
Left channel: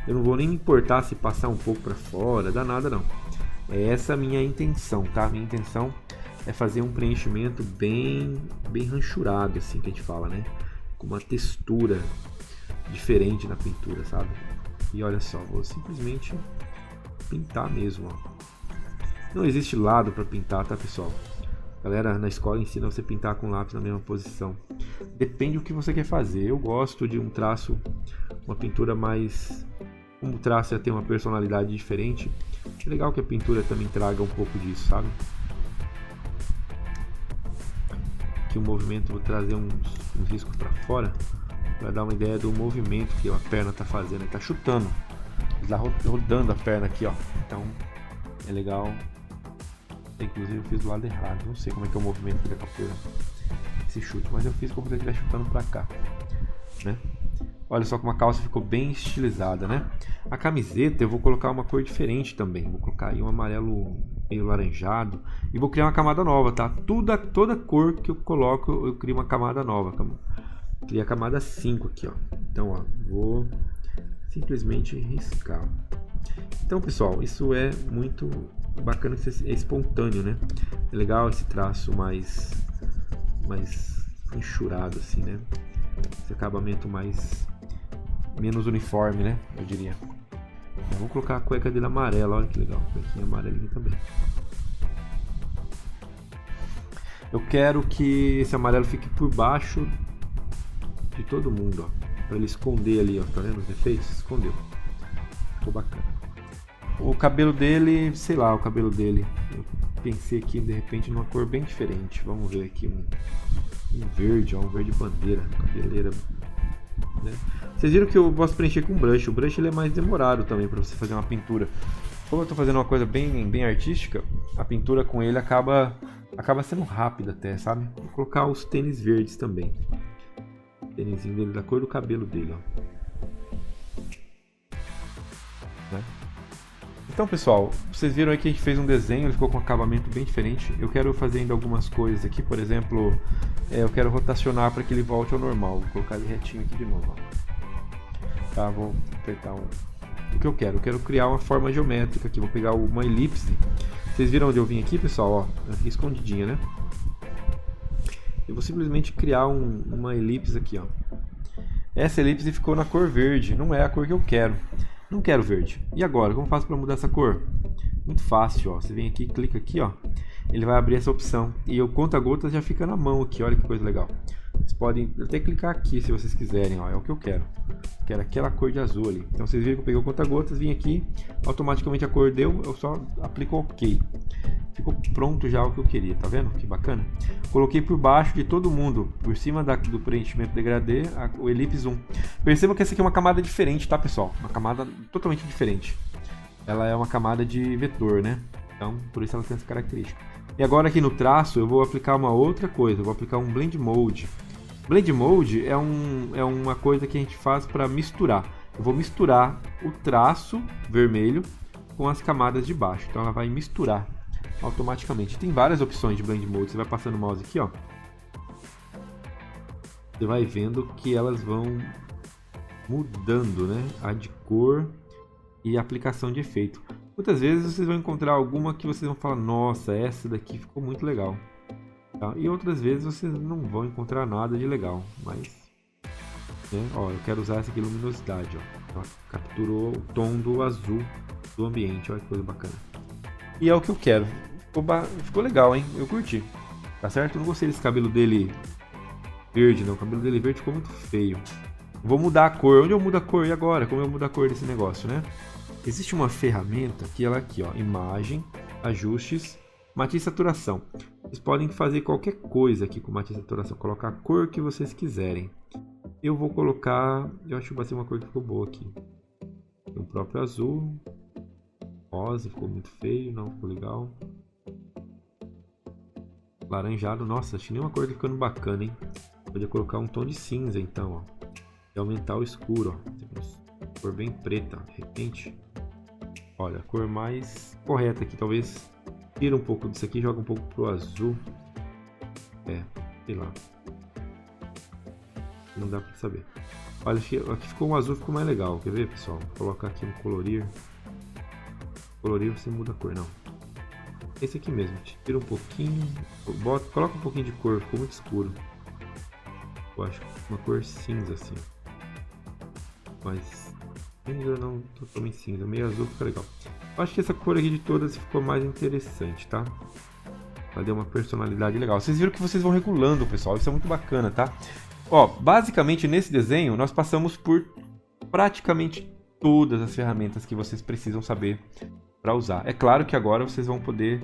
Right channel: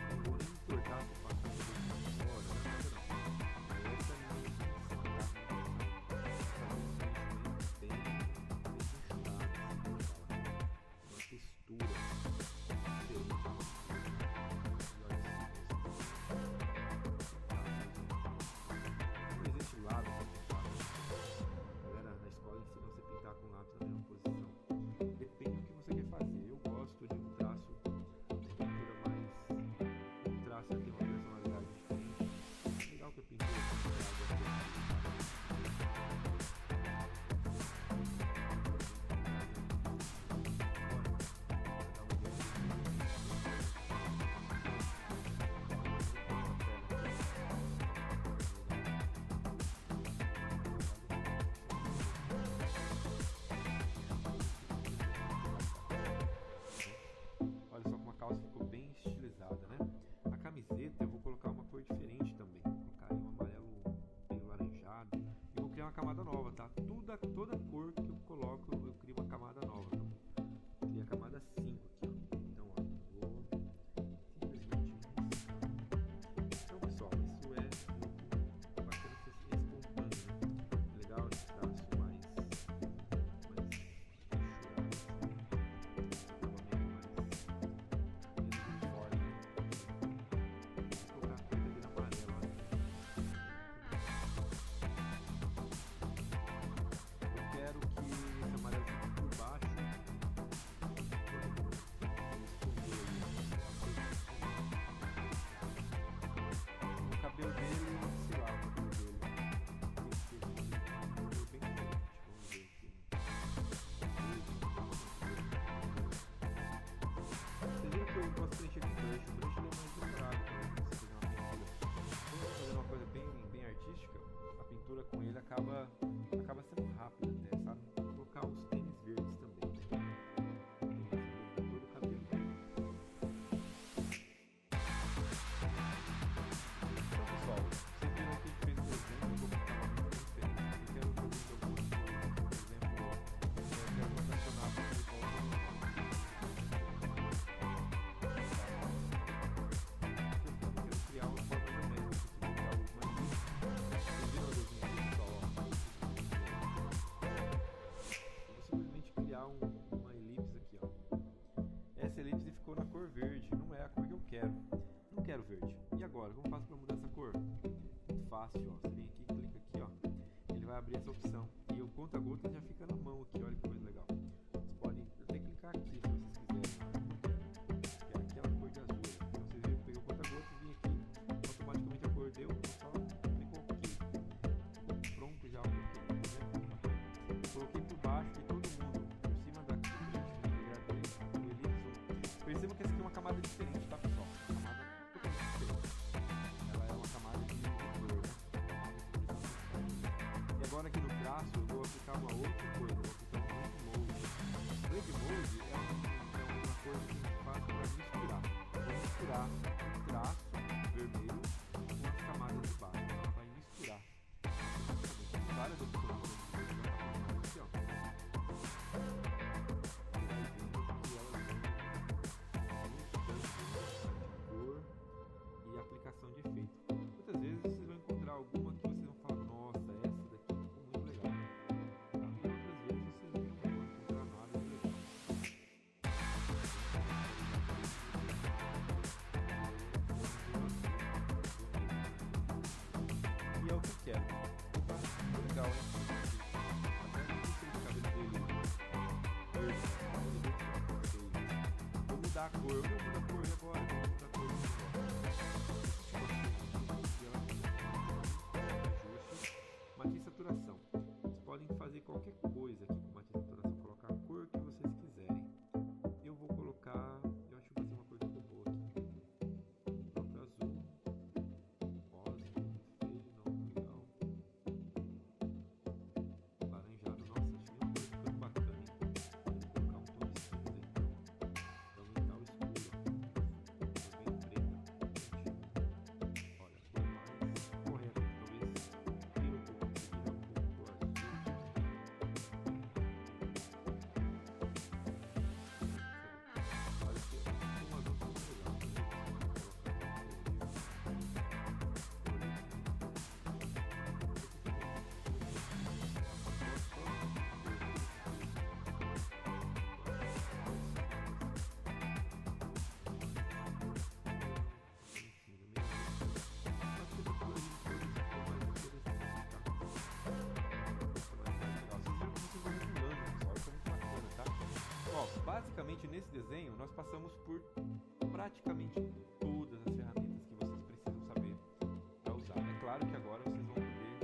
Eu não vou nem me importar se passar um pouco para fora, dá nada não. É essa a minha intenção, tá? Minha intenção é fazer um preenchimento bem ranchurado, assim que a gente fala, né? Com uma textura diferente na pintura, sabe? E olha só, vou simplesmente pintar mesmo, ó. Não existe lado para pintar, tá, pessoal? A galera na escola ensina você pintar com lápis na mesma posição. Depende do que você quer fazer. Eu gosto de um traço, uma pintura mais... Como o traço já tem uma personalidade diferente, é legal que a pintura também traga um pouco disso, sabe? Aqui o movimento, vou trazer uns riscos para fora, para dar uma ideia do movimento que a perna está fazendo. Ele está chutando, ele está rodando a perna aqui, ó. Então é legal. Inclusive eu fiz do lado errado, não sei como é que é o movimento que ele fez esse chute, mas eu fiz como se ele estivesse chutando para cá, né? Olha só como a calça ficou bem estilizada, né? A camiseta eu vou colocar uma cor diferente também. Vou colocar aí um amarelo meio laranjado. E vou criar uma camada nova, tá? Toda cor que eu coloco, eu crio uma camada nova. Criei a camada 5 aqui, ó. Então, ó, vou simplesmente riscar. Então, pessoal, isso é muito bacana, é espontâneo, né? É legal esse traço mais enxurado, assim, né? Esse acabamento menos uniforme, né? Eu diria. Vamos colocar a cueca dele amarela, olha que legal, cuequinha amarelinha também. Eu quero que esse amarelo fique por baixo de todo mundo, ó, para ele esconder ali, ó, tá vendo os defeitos? Escondeu. Ficou bacana. O cabelo dele, sei lá, o cabelo dele. Eu pensei aqui de repente numa cor bem diferente. Vamos ver aqui um verde, ó, um verde bandeira, cabeleira, né? Vocês viram que eu gosto de preencher com brush. O brush ele é mais demorado também para você fazer uma pintura. Como eu estou fazendo uma coisa bem artística, a pintura com ele acaba sendo rápida até, sabe? Vou colocar os tênis verdes também. tênisinho dele, da cor do cabelo dele, ó. Né? Então, pessoal, vocês viram aí que a gente fez um desenho, ele ficou com um acabamento bem diferente. Eu quero fazer ainda algumas coisas aqui, por exemplo, eu quero rotacionar para que ele volte ao normal. Vou colocar ele retinho aqui de novo, ó. Tá, vou apertar o que eu quero. Eu quero criar uma forma geométrica aqui, vou pegar uma elipse. Vocês viram onde eu vim aqui, pessoal? Ó, aqui escondidinha, né? Eu vou simplesmente criar uma elipse aqui, ó. Essa elipse ficou na cor verde, não é a cor que eu quero. Não quero verde. E agora, como eu faço para mudar essa cor? Muito fácil, ó. Você vem aqui, clica aqui, ó. Ele vai abrir essa opção. E o conta-gotas já fica na mão aqui, olha que coisa legal. Vocês podem até clicar aqui se vocês quiserem, ó. É o que eu quero. Quero aquela cor de azul ali. Então vocês viram que eu peguei o conta-gotas, vim aqui, automaticamente a cor deu, eu só aplico OK. Ficou pronto já o que eu queria, tá vendo? Que bacana. Coloquei por baixo de todo mundo, por cima do preenchimento degradê, o Ellipse Zoom. Percebam que essa aqui é uma camada diferente, tá, pessoal? Uma camada totalmente diferente. Ela é uma camada de vetor, né? Então, por isso ela tem essa característica. E agora aqui no traço, eu vou aplicar uma outra coisa. Eu vou aplicar um Blend Mode. Blend Mode é uma coisa que a gente faz para misturar. Eu vou misturar o traço vermelho com as camadas de baixo. Então ela vai misturar automaticamente. Tem várias opções de Blend Mode. Você vai passando o mouse aqui, ó. Você vai vendo que elas vão mudando, né? A de cor e a aplicação de efeito. Muitas vezes vocês vão encontrar alguma que vocês vão falar, nossa, essa daqui ficou muito legal. Tá? E outras vezes vocês não vão encontrar nada de legal. Mas, né? Ó, eu quero usar essa aqui, luminosidade, ó. Capturou o tom do azul do ambiente. Olha que coisa bacana. E é o que eu quero. Ficou legal, hein? Eu curti. Tá certo? Eu não gostei desse cabelo dele verde, não. O cabelo dele verde ficou muito feio. Vou mudar a cor. Onde eu mudo a cor? E agora? Como eu mudo a cor desse negócio, né? Existe uma ferramenta que ela aqui, ó. Imagem, ajustes, matiz e saturação. Vocês podem fazer qualquer coisa aqui com matiz e saturação. Colocar a cor que vocês quiserem. Eu vou colocar... Eu acho que vai ser uma cor que ficou boa aqui. O próprio azul... Rosa, ficou muito feio, não ficou legal. Laranjado, nossa, achei nenhuma cor ficando bacana, hein? Podia colocar um tom de cinza então, ó. E aumentar o escuro, ó. Cor bem preta, de repente. Olha, a cor mais correta aqui, talvez tira um pouco disso aqui, joga um pouco pro azul. Sei lá. Não dá pra saber. Olha, aqui ficou um azul, ficou mais legal. Quer ver, pessoal? Vou colocar aqui um colorir. Colorir você muda a cor, não. Esse aqui mesmo, tira um pouquinho, coloca um pouquinho de cor, ficou muito escuro. Eu acho uma cor cinza assim. Mas cinza não totalmente cinza, meio azul fica legal. Eu acho que essa cor aqui de todas ficou mais interessante, tá? Vai dar uma personalidade legal. Vocês viram que vocês vão regulando, pessoal, isso é muito bacana, tá? Ó, basicamente nesse desenho nós passamos por praticamente todas as ferramentas que vocês precisam saber para usar. É claro que agora vocês vão poder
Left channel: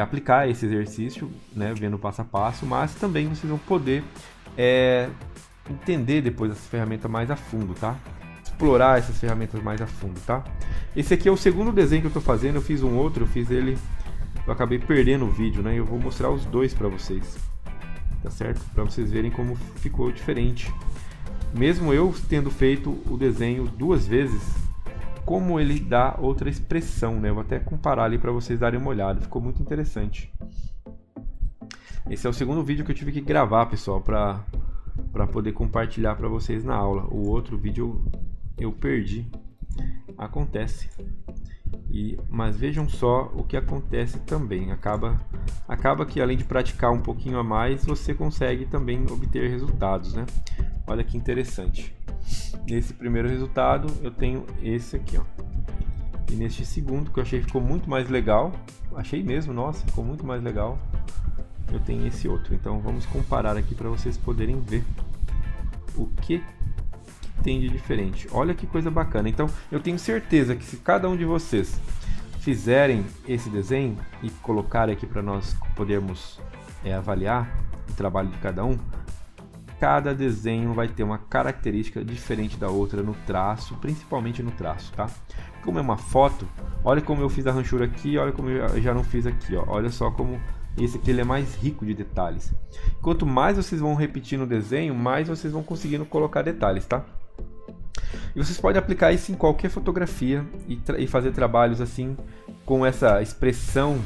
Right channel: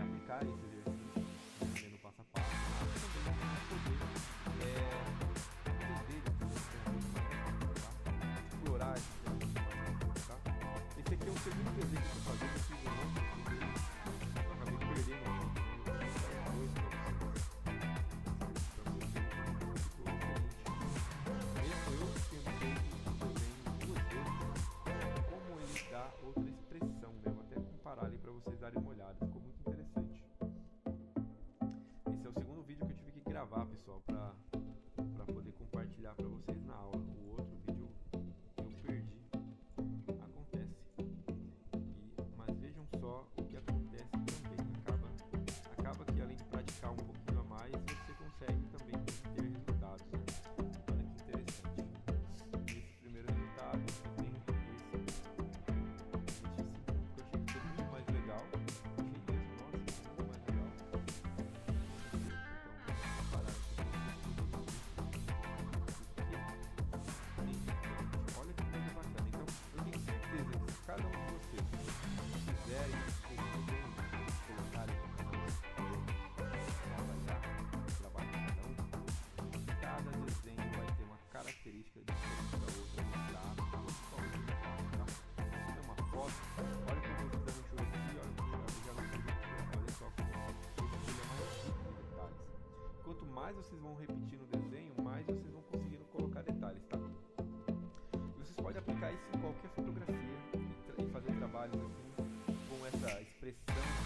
aplicar esse exercício, né, vendo passo a passo, mas também vocês vão poder entender depois essa ferramenta mais a fundo, tá? Explorar essas ferramentas mais a fundo, tá? Esse aqui é o segundo desenho que eu estou fazendo. Eu fiz um outro, eu fiz ele, eu acabei perdendo o vídeo, né? Eu vou mostrar os dois para vocês, tá certo? Para vocês verem como ficou diferente. Mesmo eu tendo feito o desenho duas vezes, como ele dá outra expressão, né? Eu vou até comparar ali para vocês darem uma olhada. Ficou muito interessante. Esse é o segundo vídeo que eu tive que gravar, pessoal, para poder compartilhar para vocês na aula. O outro vídeo eu perdi. Acontece. Mas vejam só o que acontece também. Acaba que além de praticar um pouquinho a mais, você consegue também obter resultados, né? Olha que interessante. Nesse primeiro resultado eu tenho esse aqui, ó. E neste segundo, que eu achei que ficou muito mais legal, achei mesmo, nossa, ficou muito mais legal, eu tenho esse outro. Então vamos comparar aqui para vocês poderem ver o que tem de diferente. Olha que coisa bacana. Então eu tenho certeza que se cada um de vocês fizerem esse desenho e colocar aqui para nós podermos avaliar o trabalho de cada um, cada desenho vai ter uma característica diferente da outra no traço, principalmente no traço, tá? Como é uma foto, olha como eu fiz a ranchura aqui, olha como eu já não fiz aqui, ó. Olha só como Esse aqui ele é mais rico de detalhes. Quanto mais vocês vão repetir no desenho, mais vocês vão conseguindo colocar detalhes, tá? E vocês podem aplicar isso em qualquer fotografia e fazer trabalhos assim com essa expressão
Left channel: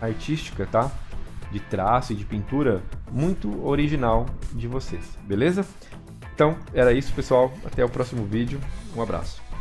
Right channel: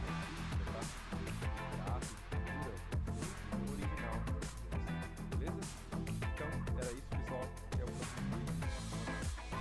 artística, tá? De traço e de pintura muito original de vocês, beleza? Então era isso, pessoal. Até o próximo vídeo. Um abraço.